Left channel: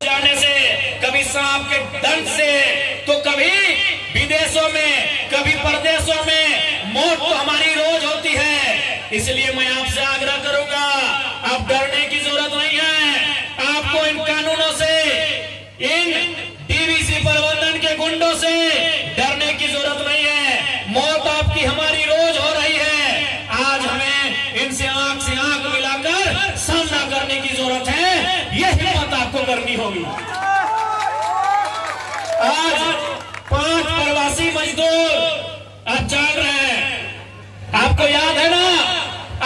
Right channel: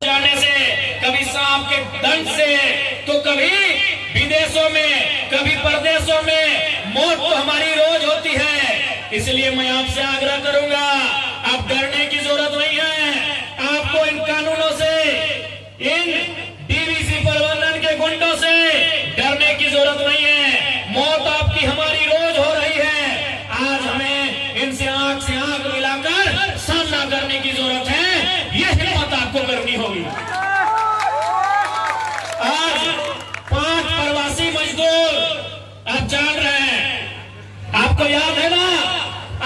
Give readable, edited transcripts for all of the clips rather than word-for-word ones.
जाने से, कभी सांप के दंश से, तो कभी विदेशों में, कभी परदेशों में मौत तो हमारी रोज होती है। इसलिए मैं आपसे आग्रह करूंगा, अब डरने की जरूरत नहीं है। आपको इन कानूनों से, इन डीवीसी प्रबंधन के गुंडों से डरने की जरूरत नहीं है। मौत आपकी हमारी रोज हो रही है। आज हमें इनसे आंख से आंख मिलाकर सामना करने की जरूरत है। यह हिम्मत आपको करनी होगी। आज 5 प्रवासी मजदूर आज जाग रहे हैं। आपको याद है ना,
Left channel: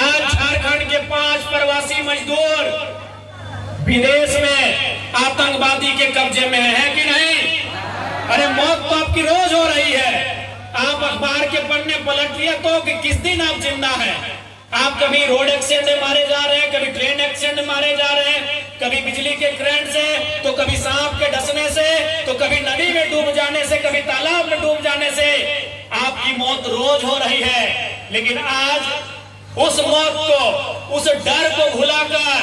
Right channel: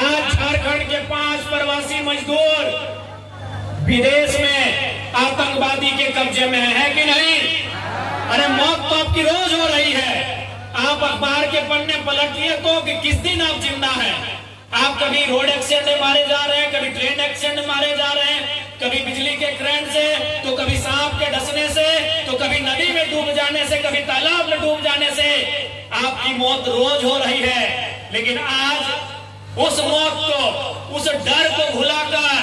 आज झारखंड के 5 प्रवासी मजदूर विदेश में आतंकवादी के कब्जे में है कि नहीं? अरे मौत तो आपकी रोज हो रही है। आप अखबार के पन्ने पलट लिए तो कि किस दिन आप जिंदा है। आप कभी रोड एक्सीडेंट में मारे जा रहे हैं, कभी ट्रेन एक्सीडेंट में मारे जा रहे हैं, कभी बिजली के करंट से, तो कभी सांप के डसने से, तो कभी नदी में डूब जाने से, कभी तालाब में डूब जाने से। आपकी मौत रोज हो रही है। लेकिन आज उस मौत को, उस डर को भुलाकर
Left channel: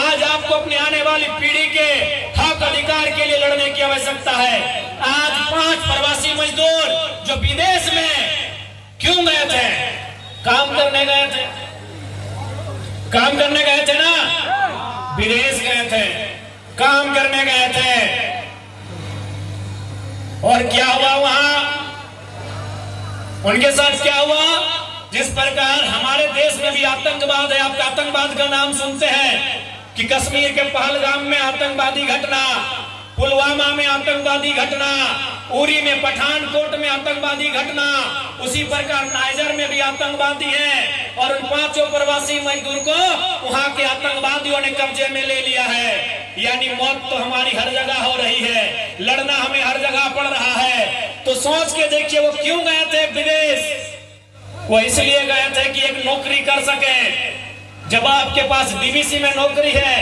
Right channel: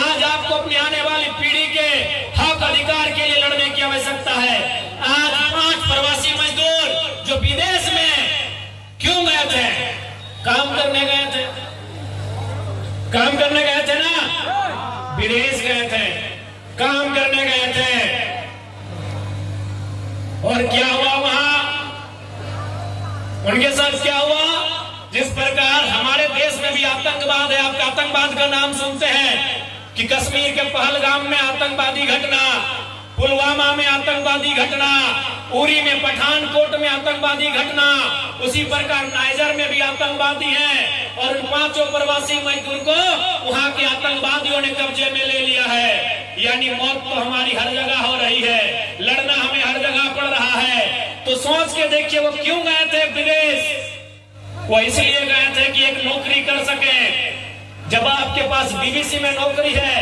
आज आपको अपनी आने वाली पीढ़ी के हक अधिकार के लिए लड़ने की आवश्यकता है। आज 5 प्रवासी मजदूर जो विदेश में क्यों गए थे? काम करने गए थे। काम करने गए थे ना, विदेश गए थे, काम करने गए थे। और क्या हुआ वहां? उनके साथ क्या हुआ? जिस प्रकार हमारे देश में भी आतंकवाद है, आप आतंकवाद का नाम सुनते हैं कि कश्मीर के पहलगाम में आतंकवादी घटना, पुलवामा में आतंकवादी घटना, उरी में, पठानकोट में आतंकवादी घटना, उसी प्रकार नाइजर में भी आतंकवादी हैं। और उन 5 प्रवासी मजदूर को वहां के आतंकवादियों ने कब्जे में ले लिया है। यानी मौत तो हमारी हर जगह हो रही है, लड़ना हमें हर जगह पड़ रहा है। तो सोच के देखिए, वो क्यों गए थे विदेश? वो इसलिए गए थे कि एक नौकरी कर सके। जब आपके पास डीवीसी में नौकरी है,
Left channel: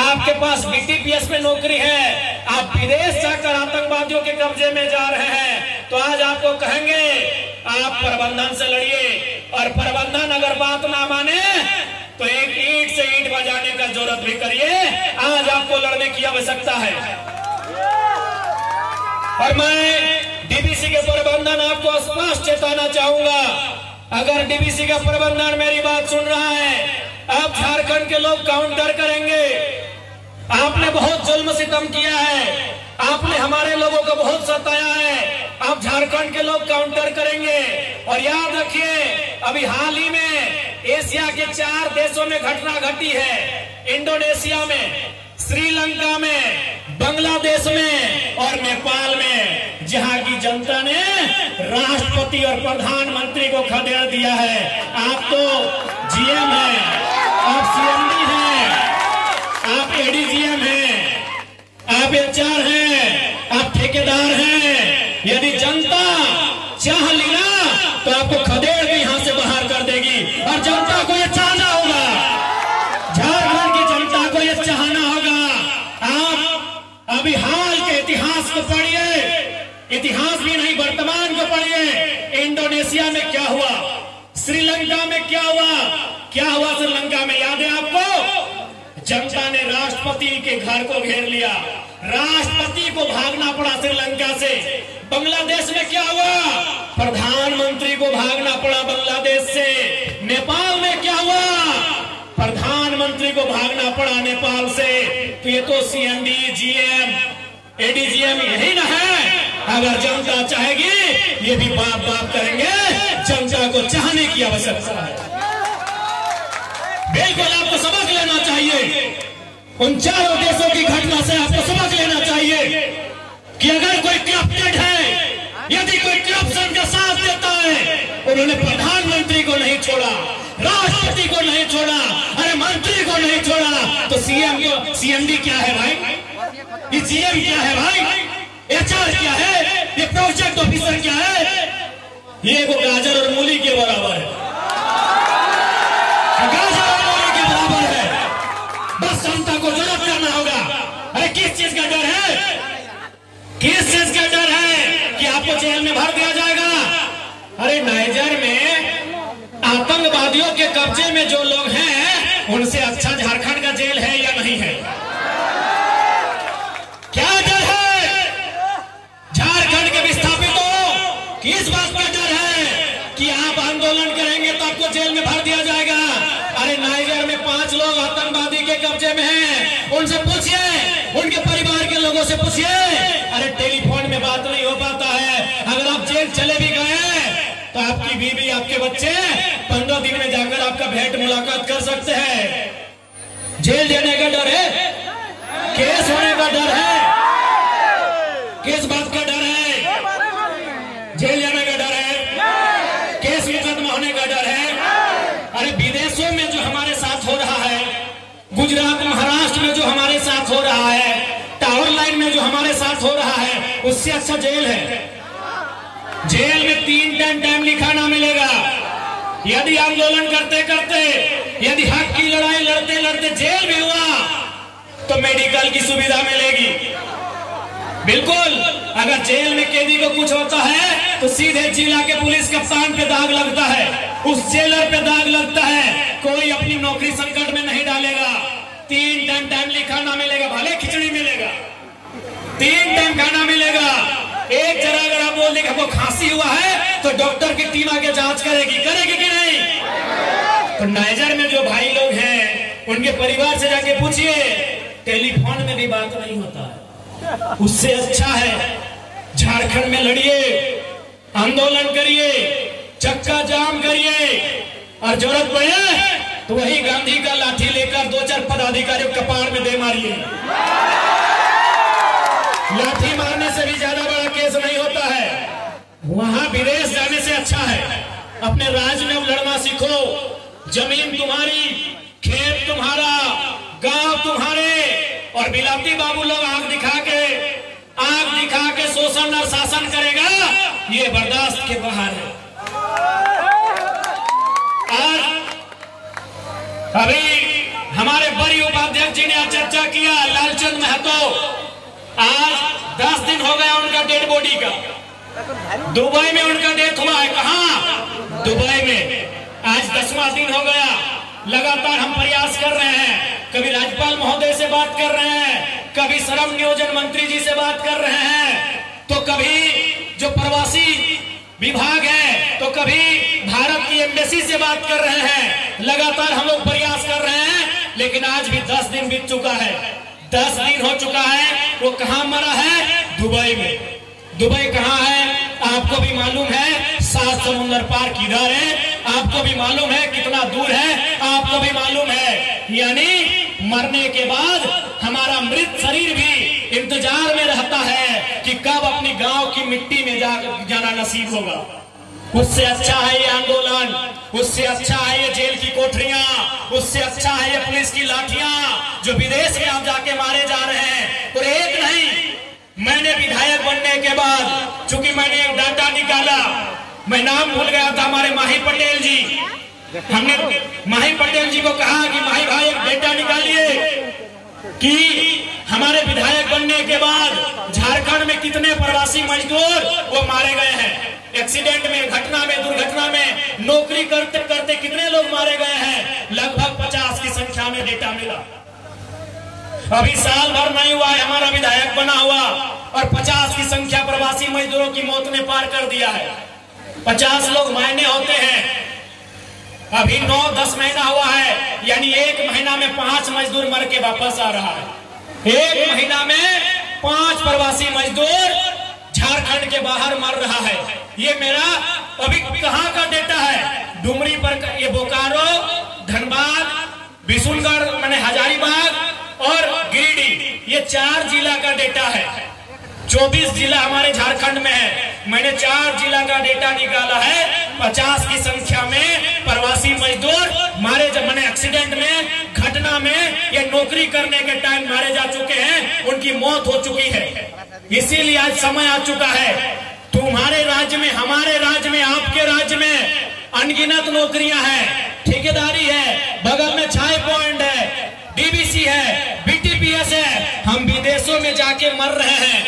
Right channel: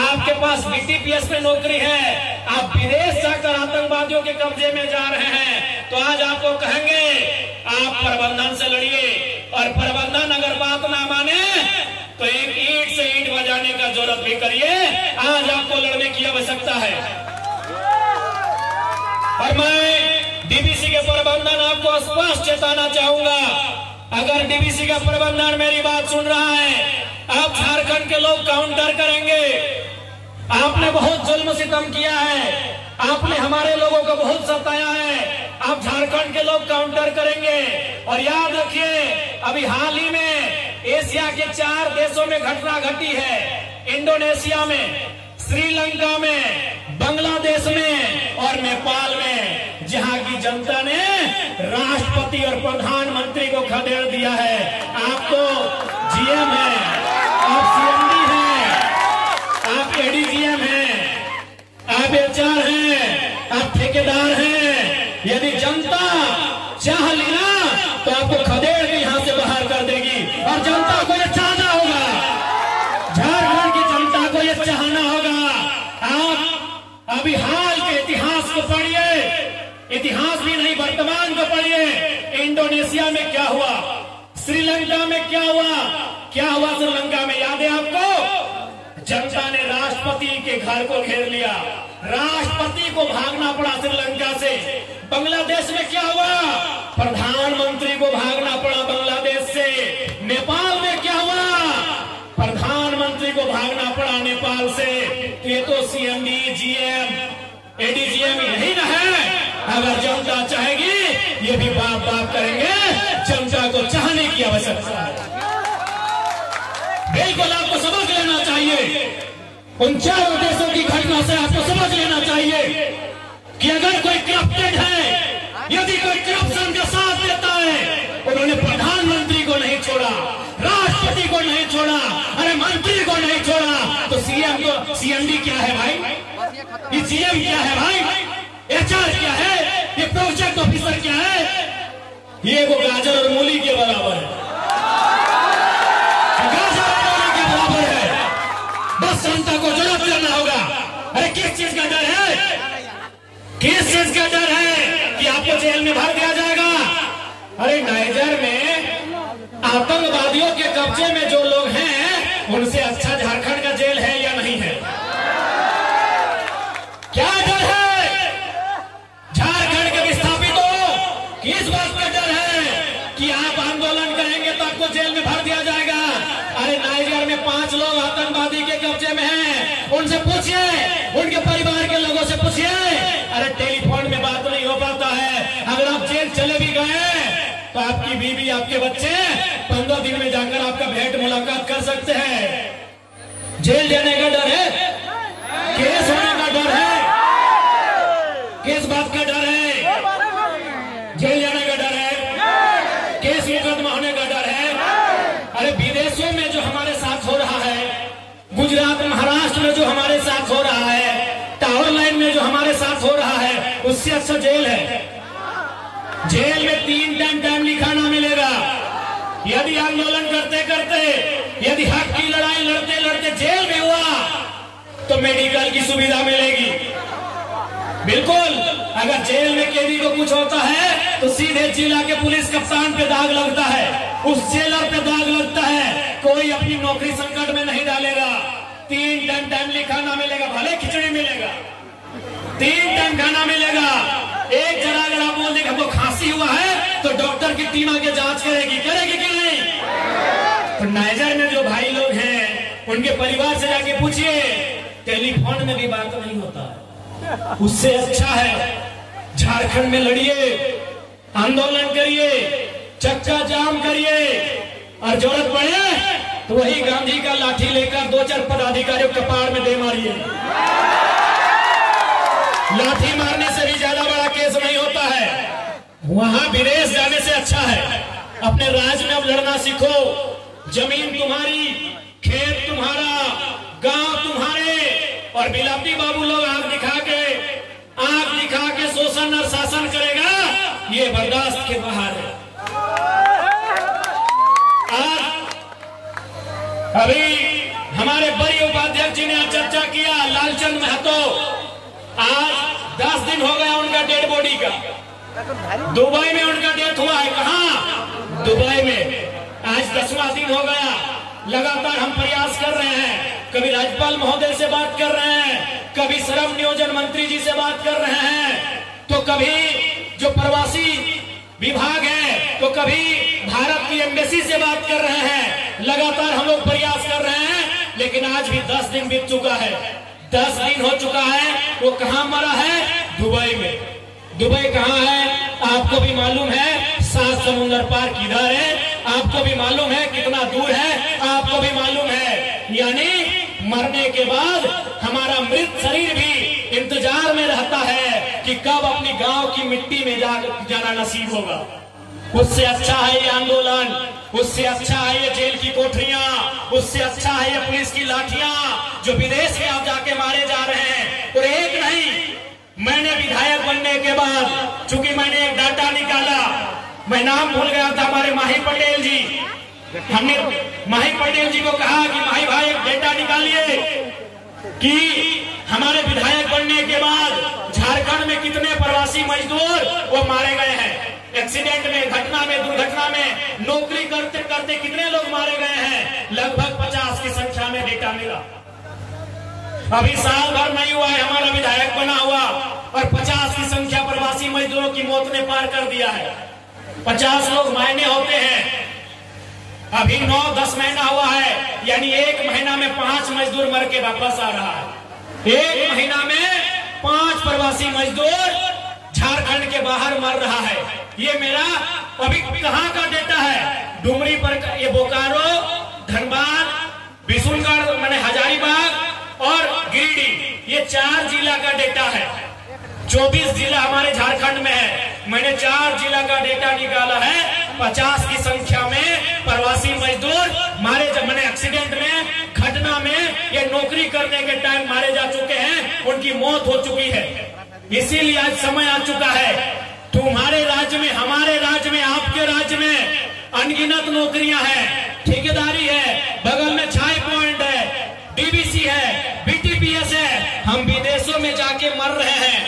आपके पास बीटीपीएस में नौकरी है, आप विदेश जाकर आतंकवादियों के कब्जे में जा रहे हैं, तो आज आपको कहेंगे आप प्रबंधन से लड़िए। और प्रबंधन अगर बात ना माने तो एक ईंट से ईंट बजाने का जरूरत भी करिए। आज आपको लड़ने की आवश्यकता है। और मैं डीवीसी के प्रबंधन आपको स्पष्ट चेताना चाहूंगा, अगर डीवीसी का प्रबंधन मेरी बात सुन रहा है, आप झारखंड के लोग काउंटर करेंगे। आपने बहुत जुल्म सितम किया है, आपने हमारे लोगों को बहुत सताया है, आप झारखंड के लोग काउंटर करेंगे। और याद रखिए, अभी हाल ही में एशिया के 4 देशों में घटना घटी है, इंडोनेशिया में, श्रीलंका में, बांग्लादेश में और नेपाल में, जहां की जनता ने राष्ट्रपति और प्रधानमंत्री को खदेड़ दिया है। आप तो जीएम हैं, आप सीएमडी हैं, आप एडीजीएम हैं, आप एचआर हैं, आप ठेकेदार हैं। यदि जनता चाह लेना तो आपको खदेड़ के यहां से बाहर कर देगी। और जनता को यह चाहना होगा, झारखंड की जनता को यह चाहना होगा। आप अभी हाल के इतिहास को पढ़िए, इतिहास भी नहीं वर्तमान को पढ़िए। इंडोनेशिया में क्या हुआ, श्रीलंका में क्या हुआ, क्या हुआ श्रीलंका में, याद है आपको? जनता ने राष्ट्रपति के घर को घेर लिया, राष्ट्रपति को भागना पड़ा श्रीलंका से। बांग्लादेश में क्या हुआ? प्रधानमंत्री को भागना पड़ा बांग्लादेश से। नेपाल में क्या हुआ? प्रधानमंत्री को भागना पड़ा नेपाल से। तो ये तो सीएमडी, जीएम, एडीजीएम यही ना है। अगर जनता चाहेगी, ये भी बात करेंगे। जनता को चाहने की आवश्यकता है। बिल्कुल आपको सबक लेना चाहिए। उन 4 देशों की घटना से आपको सबक लेना चाहिए कि अगर कोई करप्टेड है, यदि कोई करप्शन का साथ देता है, उन्होंने प्रधानमंत्री को नहीं छोड़ा, राष्ट्रपति को नहीं छोड़ा, अरे मंत्री को नहीं छोड़ा, तो सीएमडी क्या है भाई? ये जीएम क्या है भाई? एचआर क्या है? ये प्रोजेक्ट ऑफिसर क्या है? ये वो गाजर और मूली के बराबर है, गाजर और मूली के बराबर है। बस जनता को जरूरत करना होगा। अरे किस चीज का डर है? किस चीज का डर है कि आपको जेल में भर दिया जाएगा? अरे नाइजर में आतंकवादियों के कब्जे में जो लोग हैं, उनसे अच्छा झारखंड का जेल है या नहीं है? क्या उनके परिवार के लोगों से पूछिए। अरे टेलीफोन में बात नहीं हो पाता है। अगर आप जेल चले भी गए तो आपकी बीवी, आपके बच्चे 15 दिन में जाकर आपका भेंट मुलाकात कर सकते हैं। जेल जाने का डर है, केस होने का डर है। किस बात का डर है? जेल जाने का डर है, केस मुकदमा होने का डर है। अरे विदेशों में जो हमारे साथ हो रहा है, गुजरात महाराष्ट्र में जो हमारे साथ हो रहा है, टावर लाइन में जो हमारे साथ हो रहा है, उससे अच्छा जेल है। जेल में 3 टाइम खाना मिलेगा। यदि आंदोलन करते करते, यदि हक की लड़ाई लड़ते लड़ते जेल में हुआ तो मेडिकल की सुविधा मिलेगी। बिल्कुल, अगर जेल में कैदी को कुछ होता है तो सीधे जिला के पुलिस कप्तान पे दाग लगता है, उस जेलर पे दाग लगता है। कोई अपनी नौकरी संकट में नहीं डालेगा। 3 टाइम खाना मिलेगा, भले खिचड़ी मिलेगा, 3 टाइम खाना मिलेगा। एक जरा अगर आप बोल दें हमको खांसी हुआ है तो डॉक्टर की टीम आके जांच करेगी कि नहीं? तो नाइजर में जो भाई लोग हैं उनके परिवार से जाके पूछिए, टेलीफोन में भी बात नहीं होता है। उससे अच्छा है झारखंड में लड़िए, आंदोलन करिए, चक्का जाम करिए, और जरूरत पड़े तो वही गांधी का लाठी लेकर 2-4 पदाधिकारियों कपार में दे मारिए। लाठी मारने से भी ज्यादा बड़ा केस नहीं होता है। वहां विदेश जाने से अच्छा है अपने राज्य में अब लड़ना सीखो। जमीन तुम्हारी, खेत तुम्हारा, गांव तुम्हारे, और बिलाती बाबू लोग आंख दिखा के शोषण और शासन करेगा, ये बर्दाश्त के बाहर है। और अभी हमारे बड़ी उपाध्यक्ष जी ने आज चर्चा किया, लालचंद महतो, आज 10 दिन हो गया उनका डेड बॉडी का। दुबई में उनका डेथ हुआ है। कहां? दुबई में। आज 10वां दिन हो गया। लगातार हम प्रयास कर रहे हैं, कभी राज्यपाल महोदय से बात कर रहे हैं, कभी श्रम नियोजन मंत्री जी से बात कर रहे हैं, तो कभी जो प्रवासी विभाग है, तो कभी भारत की एम्बेसी से बात कर रहे हैं। लगातार हम लोग प्रयास कर रहे हैं, लेकिन आज भी 10 दिन बीत चुका है। 10 दिन हो चुका है। वो कहां मरा है? दुबई में। दुबई कहां है? आपको भी मालूम है। 7 समुद्र पार किधर है? आपको भी मालूम है। कितना दूर है? आपको भी मालूम है। यानी मरने के बाद हमारा मृत शरीर भी इंतजार में रहता है कि कब अपनी गांव की मिट्टी में जाना नसीब होगा। उससे अच्छा है ये आंदोलन, उससे अच्छा है ये जेल की कोठरियां, उससे अच्छा है ये पुलिस की लाठियां जो विदेश में आप जाके मारे जा रहे हैं। और एक नहीं, मैंने विधायक बनने के बाद, चूंकि मैंने एक डाटा निकाला, मैं नाम भूल गया था, हमारे माही पटेल जी, हमने माही पटेल जी को कहा कि माही भाई एक डेटा निकालिए कि हमारे विधायक बनने के बाद झारखंड में कितने प्रवासी मजदूर वो मारे गए हैं। एक्सीडेंट में, घटना में, दुर्घटना में, नौकरी करते करते कितने लोग मारे गए हैं। लगभग 50 की संख्या में डेटा मिला। अभी साल भर नहीं हुआ है हमारा विधायक बना हुआ, और 50 की संख्या प्रवासी मजदूरों की मौत ने पार कर दिया है। 50 लोग मायने होते हैं। अभी 9-10 महीना हुआ है, यानी 1 महीना में 5 मजदूर मर के वापस आ रहा है। 1 महीना में 5 प्रवासी मजदूर झारखंड के बाहर मर रहा है। ये मेरा अभी कहां का डेटा है? डुमरी पर, ये बोकारो, धनबाद, बिशुनगढ़ माने हजारीबाग और गिरिडीह, ये 4 जिला का डेटा है। 24 जिला हमारे झारखंड में है। मैंने 4 जिला का डेटा निकाला है। 50 की संख्या में प्रवासी मजदूर मारे, जब मैंने एक्सीडेंट में, घटना में, या नौकरी करने के टाइम मारे जा चुके हैं, उनकी मौत हो चुकी है। इसीलिए आज समय आ चुका है, तुम्हारे राज्य में, हमारे राज्य में, आपके राज्य में अनगिनत नौकरियां हैं, ठेकेदारी है, बगल में छाई पॉइंट है, डीबीसी है, बीटीपीएस है। हम विदेशों में जाके मर रहे हैं,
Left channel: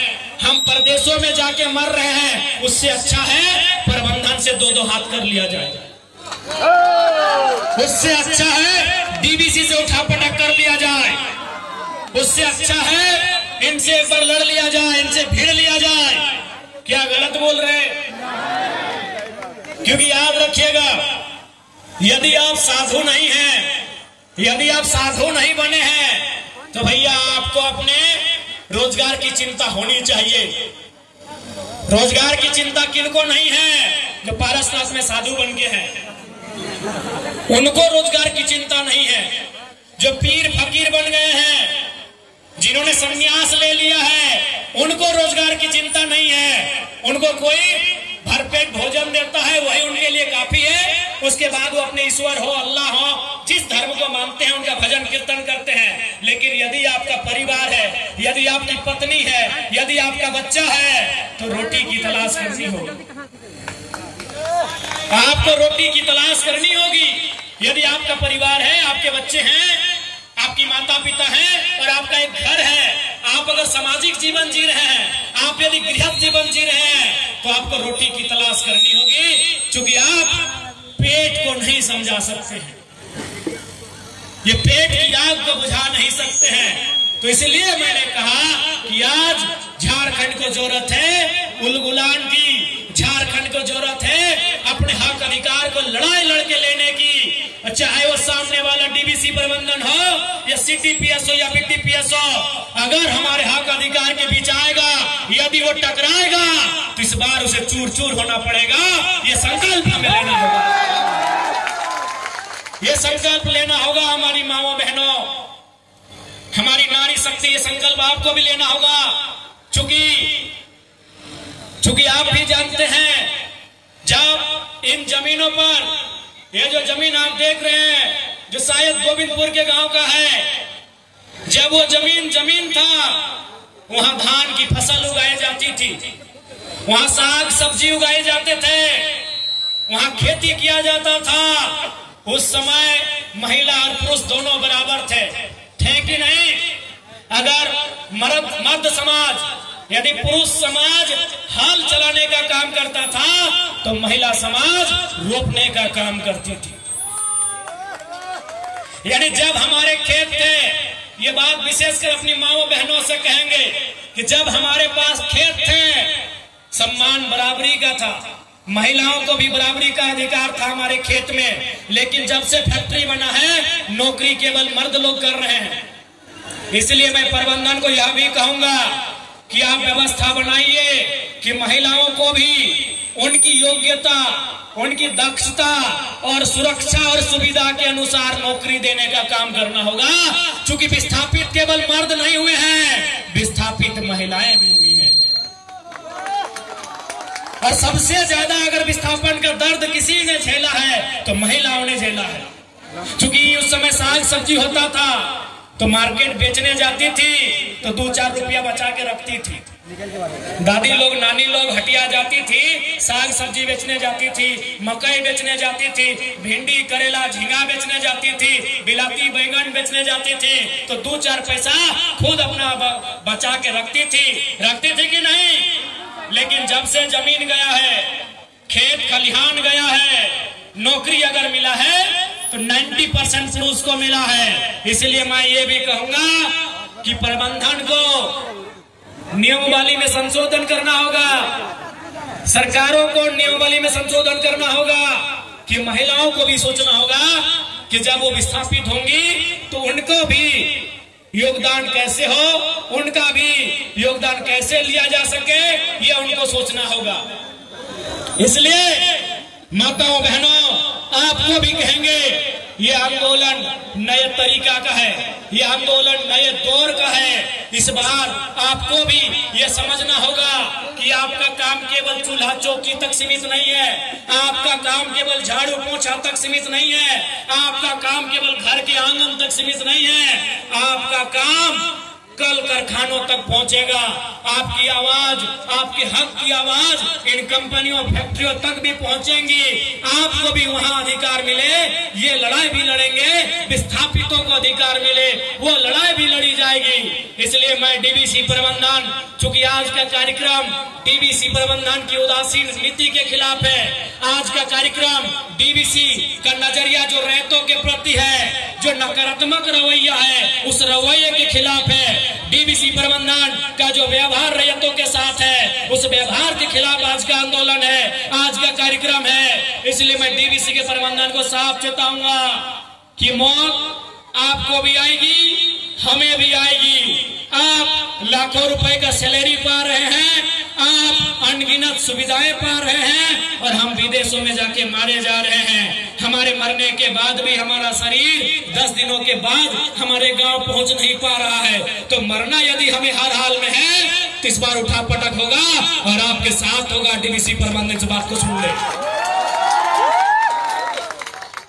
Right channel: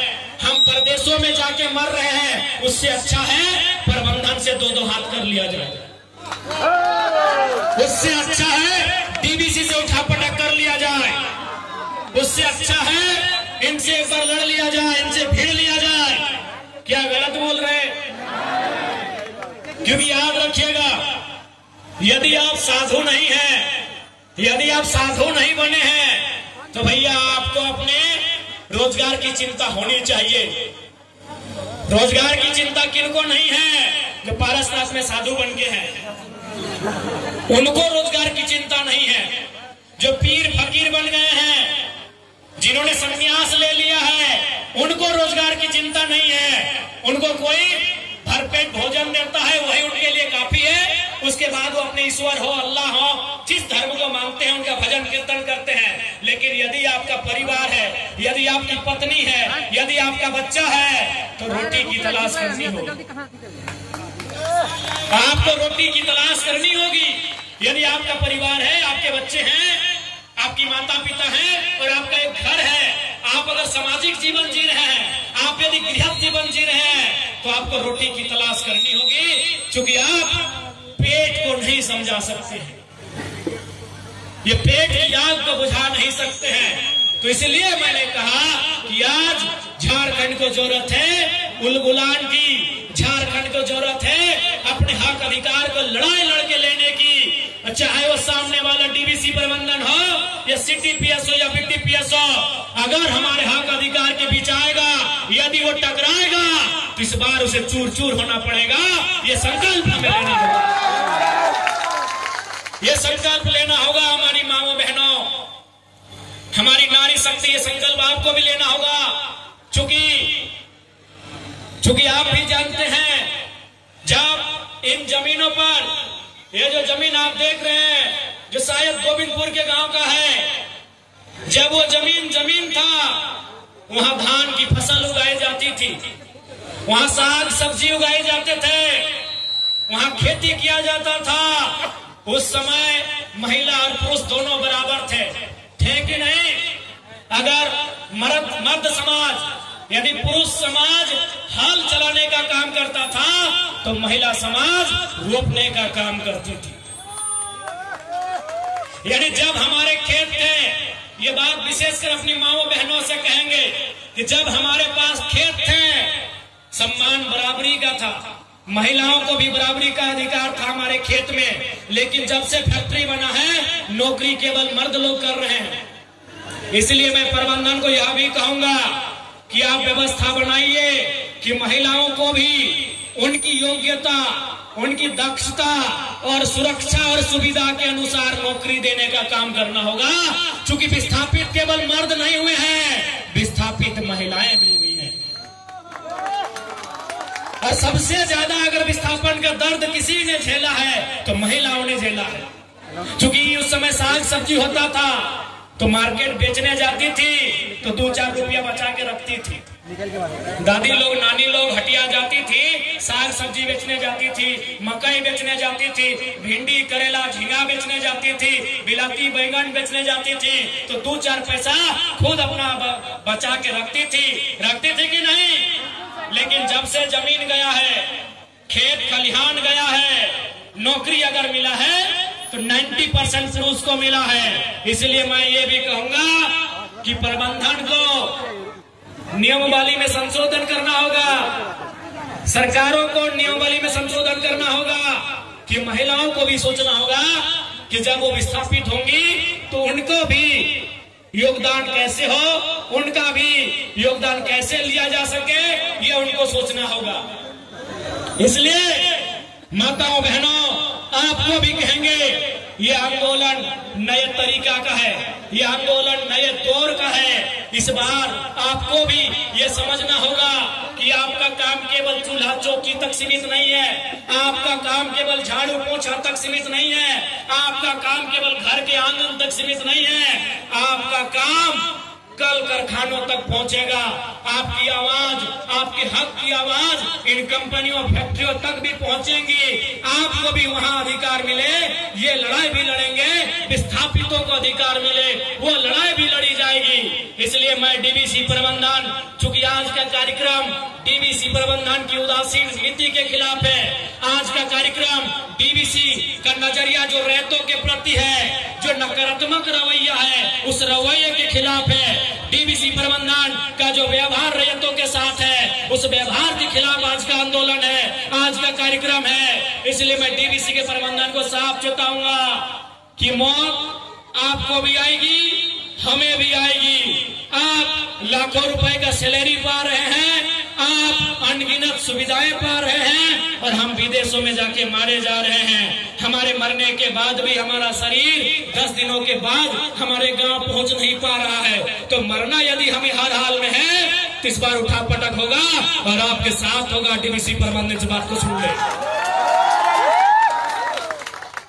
हम प्रदेशों में जाके मर रहे हैं। उससे अच्छा है प्रबंधन से 2-2 हाथ कर लिया जाए। उससे अच्छा है डीबीसी से उठापटक कर लिया जाए। उससे अच्छा है इनसे एक बार लड़ लिया जाए, इनसे भिड़ लिया जाए। क्या गलत बोल रहे हैं? क्योंकि याद रखिएगा, यदि आप साधु नहीं हैं, यदि आप साधु नहीं बने हैं, तो भैया आपको अपने रोजगार की चिंता होनी चाहिए। रोजगार की चिंता किनको नहीं है? जो पारसनाथ में साधु बन गए हैं उनको रोजगार की चिंता नहीं है। जो पीर फकीर बन गए हैं, जिन्होंने संन्यास ले लिया है, उनको रोजगार की चिंता नहीं है। उनको कोई भरपेट भोजन देता है, वही उनके लिए काफी है। उसके बाद वो अपने ईश्वर हो, अल्लाह हो, जिस धर्म को मानते हैं उनका भजन कीर्तन करते हैं। लेकिन यदि आपका परिवार है, यदि आपकी पत्नी है, यदि आपका बच्चा है, तो रोटी की तलाश करनी होगी। आपको रोटी की तलाश करनी होगी। यदि आपका परिवार है, आपके बच्चे हैं, आपकी माता पिता हैं और आपका एक घर है, आप अगर सामाजिक जीवन जी रहे हैं, आप यदि गृहस्थ जीवन जी रहे हैं, तो आपको रोटी की तलाश करनी होगी, क्योंकि आप पेट को नहीं समझा सकते हैं, ये पेट की आग को बुझा नहीं सकते हैं। तो इसलिए मैंने कहा कि आज झारखंड को जरूरत है उलगुलान की, झारखंड को जरूरत है अपने हक अधिकार को लड़ाई लड़के लेने की। चाहे वो सामने वाला डीवीसी प्रबंधन हो या सीटीपीएस हो या बीटीपीएस हो, अगर हमारे हक अधिकार के बीच आएगा, यदि वो टकराएगा तो इस बार उसे चूर चूर होना पड़ेगा। ये संकल्प हमें लेना होगा, ये संकल्प लेना होगा हमारी माओ बहनों, हमारी नारी शक्ति, ये संकल्प आपको भी लेना होगा। चूंकि आप भी जानते हैं, जब इन जमीनों पर, ये जो जमीन आप देख रहे हैं, जो शायद गोविंदपुर के गांव का है, जब वो जमीन था, वहां धान की फसल उगाई जाती थी, वहां साग सब्जी उगाए जाते थे, वहां खेती किया जाता था। उस समय महिला और पुरुष दोनों बराबर थे कि नहीं? अगर मर्द समाज, यदि पुरुष समाज हल चलाने का काम करता था, तो महिला समाज रोपने का काम करती थी। यानी जब हमारे खेत थे, ये बात विशेषकर अपनी माओ बहनों से कहेंगे कि जब हमारे पास खेत थे, सम्मान बराबरी का था, महिलाओं को भी बराबरी का अधिकार था हमारे खेत में। लेकिन जब से फैक्ट्री बना है, नौकरी केवल मर्द लोग कर रहे हैं। इसलिए मैं प्रबंधन को यह भी कहूंगा कि आप व्यवस्था बनाइए कि महिलाओं को भी उनकी योग्यता, उनकी दक्षता और सुरक्षा और सुविधा के अनुसार नौकरी देने का काम करना होगा। क्योंकि विस्थापित केवल मर्द नहीं हुए हैं, विस्थापित महिलाएं भी हुई हैं। और सबसे ज्यादा अगर विस्थापन का दर्द किसी ने झेला है तो महिलाओं ने झेला है। क्योंकि उस समय साग सब्जी होता था तो मार्केट बेचने जाती थी तो 2-4 रुपया बचा के रखती थी। दादी लोग, नानी लोग हटिया जाती थी, साग सब्जी बेचने जाती थी, मकई बेचने जाती थी, भिंडी करेला झींगा बेचने जाती थी, बिलाती बैगन बेचने जाती थी, तो 2-4 पैसा खुद अपना बचा के रखती थी कि नहीं? लेकिन जब से जमीन गया है, खेत खलिहान गया है, नौकरी अगर मिला है तो 90% पुरुष को मिला है। इसलिए मैं ये भी कहूंगा कि प्रबंधन को नियमावली में संशोधन करना होगा, सरकारों को नियमावली में संशोधन करना होगा, कि महिलाओं को भी सोचना होगा कि जब वो विस्थापित होंगी तो उनको भी योगदान कैसे हो, उनका भी योगदान कैसे लिया जा सके, ये उनको सोचना होगा। इसलिए माताओं बहनों, आपको भी कहेंगे, ये आंदोलन नए तरीका का है, ये आंदोलन नए दौर का है। इस बार आपको भी ये समझना होगा कि आपका काम केवल चूल्हा चौकी तक सीमित नहीं है, आपका काम केवल झाड़ू पोछा तक सीमित नहीं है, आपका काम केवल घर के आंगन तक सीमित नहीं है, आपका काम कल कारखानों तक पहुंचेगा। आपकी आवाज, आपके हक की आवाज इन कंपनियों फैक्ट्रियों तक भी पहुंचेंगी। आपको भी वहां अधिकार मिले, ये लड़ाई भी लड़ेंगे, विस्थापितों को अधिकार मिले, वो लड़ाई भी लड़ी जाएगी। इसलिए मैं डीवीसी प्रबंधन, चूंकि आज का कार्यक्रम डीवीसी प्रबंधन की उदासीन नीति के खिलाफ है, आज का कार्यक्रम डीवीसी का नजरिया जो रैयतों के प्रति है, जो नकारात्मक रवैया है, उस रवैये के खिलाफ है। डीवीसी प्रबंधन का जो व्यवहार रैयतों के साथ है, उस व्यवहार के खिलाफ आज का आंदोलन है, आज का कार्यक्रम है। इसलिए मैं डीवीसी के प्रबंधन को साफ चेताऊंगा कि मौत आपको भी आएगी, हमें भी आएगी। आप लाखों रुपए का सैलरी पा रहे हैं, आप अनगिनत सुविधाएं पा रहे हैं, और हम विदेशों में जाके मारे जा रहे हैं। हमारे मरने के बाद भी हमारा शरीर 10 दिनों के बाद हमारे गांव पहुंच नहीं पा रहा है। तो मरना यदि हमें हर हाल में है तो इस बार उठा पटक होगा और आपके साथ होगा। डीवीसी प्रबंधन से बात को सुन ले।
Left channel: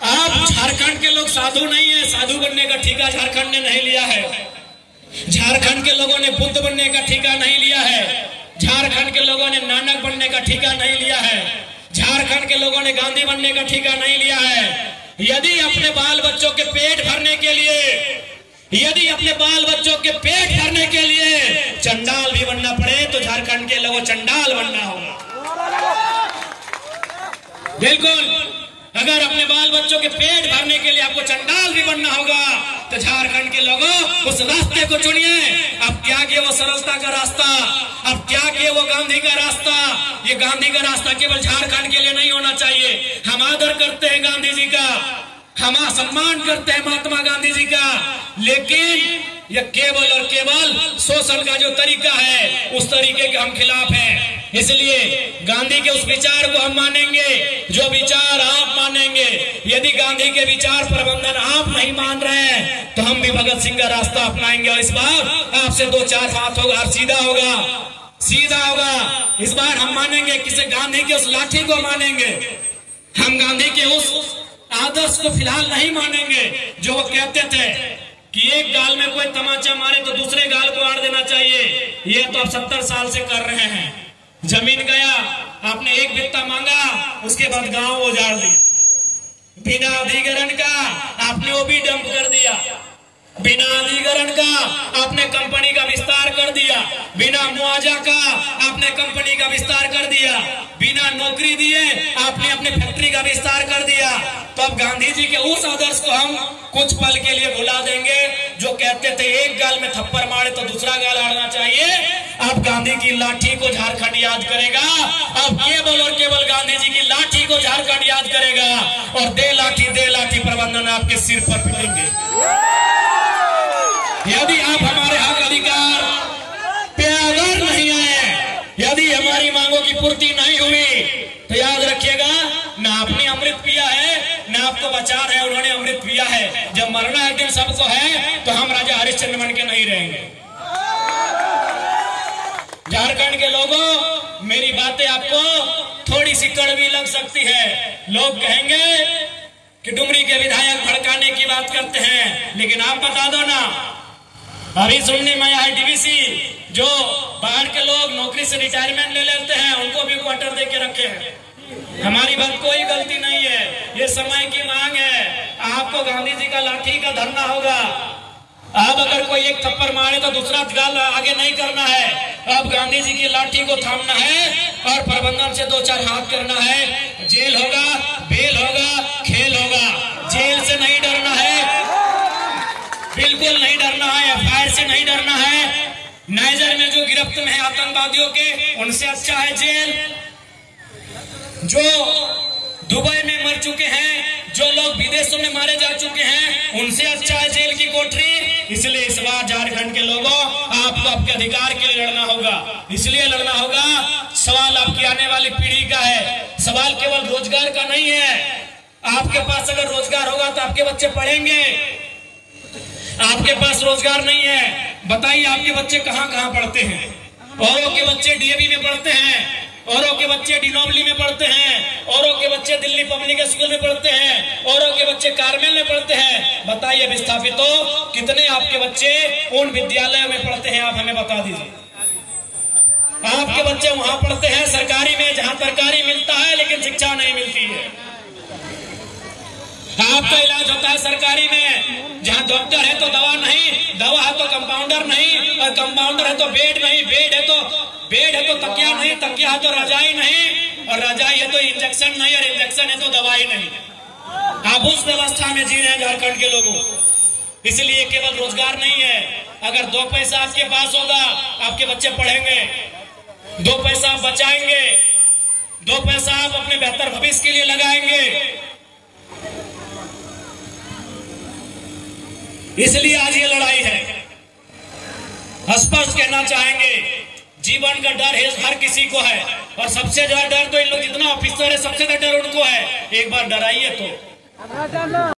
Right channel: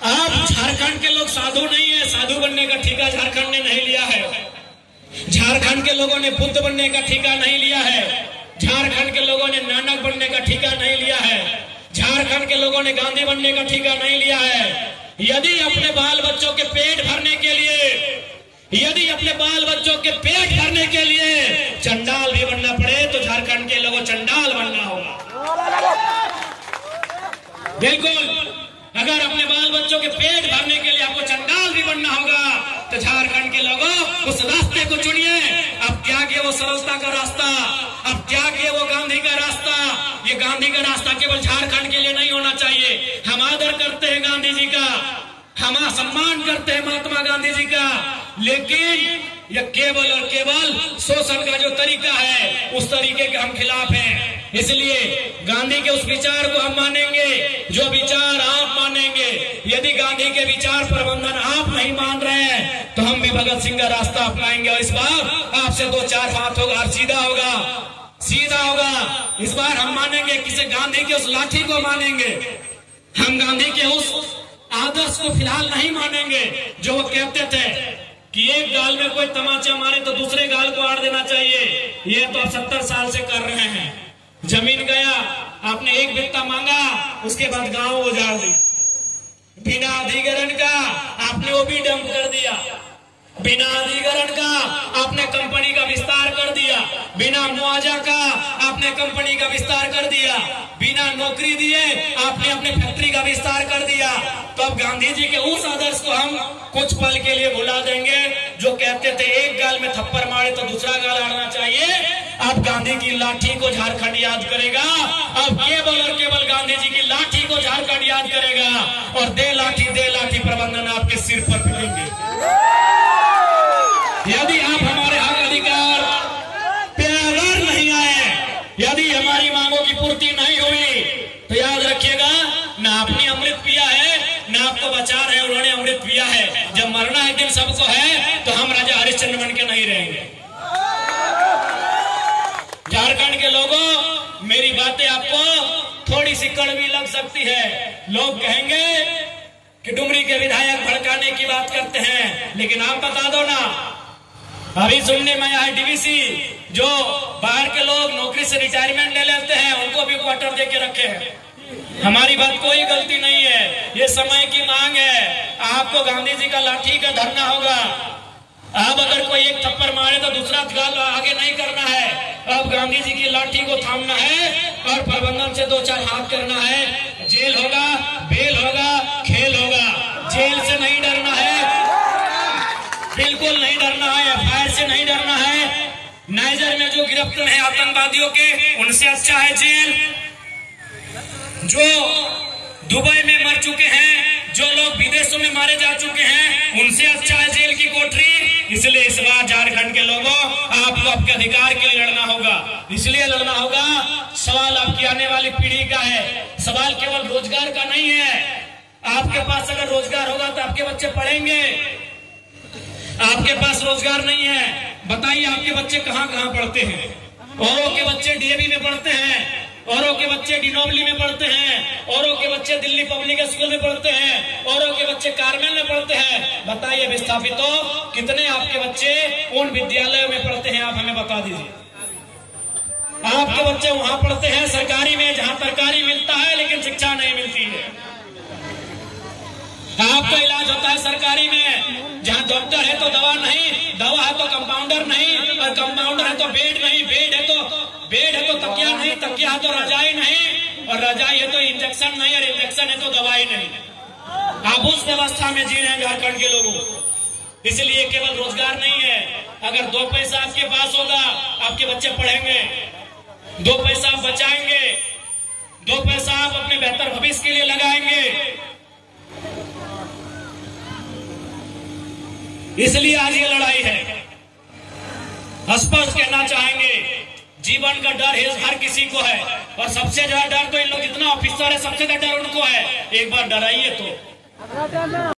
आप झारखंड के लोग साधु नहीं है, साधु बनने का ठेका झारखंड ने नहीं लिया है। झारखंड के लोगों ने बुद्ध बनने का ठेका नहीं लिया है। झारखंड के लोगों ने नानक बनने का ठेका नहीं लिया है। झारखंड के लोगों ने गांधी बनने का ठेका नहीं लिया है। यदि अपने बाल बच्चों के पेट भरने के लिए, यदि अपने बाल बच्चों के पेट भरने के लिए चंडाल भी बनना पड़े तो झारखंड के लोगों चंडाल बनना होगा। बिल्कुल, अगर अपने बाल बच्चों के पेट भरने के लिए आपको चंडाल भी बनना होगा तो झारखंड के लोगों उस रास्ते को चुनिए। अब त्यागिए वो सरलता का रास्ता, अब त्यागिए वो गांधी का रास्ता। ये गांधी का रास्ता केवल झारखंड के लिए नहीं होना चाहिए। हम आदर करते हैं गांधी जी का, हम सम्मान करते हैं महात्मा गांधी जी का, लेकिन यह केवल और केवल शोषण का जो तरीका है उस तरीके के हम खिलाफ हैं। इसलिए गांधी के उस विचार को हम मानेंगे जो विचार आप मानेंगे। यदि गांधी के विचार प्रबंधन आप नहीं मान रहे हैं तो हम भी भगत सिंह का रास्ता अपनाएंगे। और इस बार आपसे 2-4 बात होगा और सीधा होगा, सीधा होगा। इस बार हम मानेंगे किसे, गांधी के उस लाठी को मानेंगे। हम गांधी के उस आदर्श को फिलहाल नहीं मानेंगे जो वो कहते थे कि एक गाल में कोई तमाचा मारे तो दूसरे गाल को आड़ देना चाहिए। ये तो आप 70 साल से कर रहे हैं। जमीन गया, आपने एक बित्ता मांगा, उसके बाद गांव उजाड़ दिया। बिना अधिग्रहण का आपने वो भी डंप कर दिया। बिना अधिग्रहण का आपने कंपनी का विस्तार कर दिया। बिना मुआवजा का आपने कंपनी का विस्तार कर दिया। बिना नौकरी दिए आपने अपने फैक्ट्री का विस्तार कर दिया। तो अब गांधी जी के उस आदर्श को हम कुछ पल के लिए भुला देंगे जो कहते थे एक गाल में थप्पड़ मारे तो दूसरा गाल आड़ना चाहिए। अब गांधी की लाठी को झारखंड याद करेगा। अब केवल और केवल गांधी जी की लाठी को झारखंड याद करेगा और दे लाठी प्रबंधन आपके सिर पर पिटेंगे। यदि आप हमारे हक अधिकार पे अगर नहीं आए, यदि हमारी मांगों की पूर्ति नहीं हुई तो याद रखिएगा, ना आपने अमृत पिया है ना आपको बचाना है। उन्होंने अमृत पिया है। जब मरना एक दिन सबको है तो हम राजा हरिश्चंद्र बन के नहीं रहेंगे। झारखंड के लोगों, मेरी बातें आपको थोड़ी सी कड़वी लग सकती है। लोग कहेंगे कि डुमरी के विधायक भड़काने की बात करते हैं, लेकिन आप बता दो ना, अभी सुनने में आया डीवीसी जो बाहर के लोग नौकरी से रिटायरमेंट ले लेते हैं उनको भी क्वार्टर दे के रखे हैं। हमारी बात कोई गलती नहीं है, ये समय की मांग है। आपको गांधी जी का लाठी का धरना होगा। अब अगर कोई एक थप्पड़ मारे तो दूसरा गाल आगे नहीं करना है। अब गांधी जी की लाठी को थामना है और प्रबंधन से 2-4 हाथ करना है। जेल होगा, बेल होगा, खेल होगा। जेल से नहीं डरना है, बिल्कुल नहीं डरना है। एफआईआर से नहीं डरना है। नाइजर में जो गिरफ्त में है आतंकवादियों के, उनसे अच्छा है जेल। जो दुबई में मर चुके हैं, जो लोग विदेशों में मारे जा चुके हैं, उनसे अच्छा है जेल की कोठरी। इसलिए इस बार झारखंड के लोगों, आपको आपके अधिकार के लिए लड़ना होगा। इसलिए लड़ना होगा, सवाल आपकी आने वाली पीढ़ी का है। सवाल केवल रोजगार का नहीं है। आपके पास अगर रोजगार होगा तो आपके बच्चे पढ़ेंगे। आपके पास रोजगार नहीं है, बताइए आपके बच्चे कहाँ कहाँ पढ़ते हैं? औरों के बच्चे डीएवी में पढ़ते हैं, औरों के बच्चे डिनोबली में पढ़ते हैं, औरों के बच्चे दिल्ली पब्लिक स्कूल में पढ़ते हैं, औरों के बच्चे कार्मेल में पढ़ते हैं। बताइए विस्थापितों, कितने आपके बच्चे उन विद्यालयों में पढ़ते हैं? आप हमें बता दीजिए। आपके बच्चे वहां पढ़ते हैं सरकारी में, जहां तरकारी मिलता है लेकिन शिक्षा नहीं मिलती है। आपका इलाज होता है सरकारी में, जहां डॉक्टर है तो दवा नहीं, दवा है तो कंपाउंडर नहीं, और कंपाउंडर है तो बेड नहीं, बेड है तो तकिया नहीं, तकिया है तो रजाई नहीं, और रजाई है तो इंजेक्शन नहीं, और इंजेक्शन है तो दवाई नहीं। आप उस व्यवस्था में जी रहे हैं झारखंड के लोगों। इसलिए केवल रोजगार नहीं है। अगर 2 पैसा आपके पास होगा, आपके बच्चे पढ़ेंगे। 2 पैसा आप बचाएंगे, 2 पैसा आप अपने बेहतर भविष्य के लिए लगाएंगे। इसलिए आज ये लड़ाई है। स्पष्ट कहना चाहेंगे, जीवन का डर हर किसी को है और सबसे ज्यादा डर तो इन लोग जितना ऑफिसर है सबसे ज्यादा डर उनको है। एक बार डराइए तो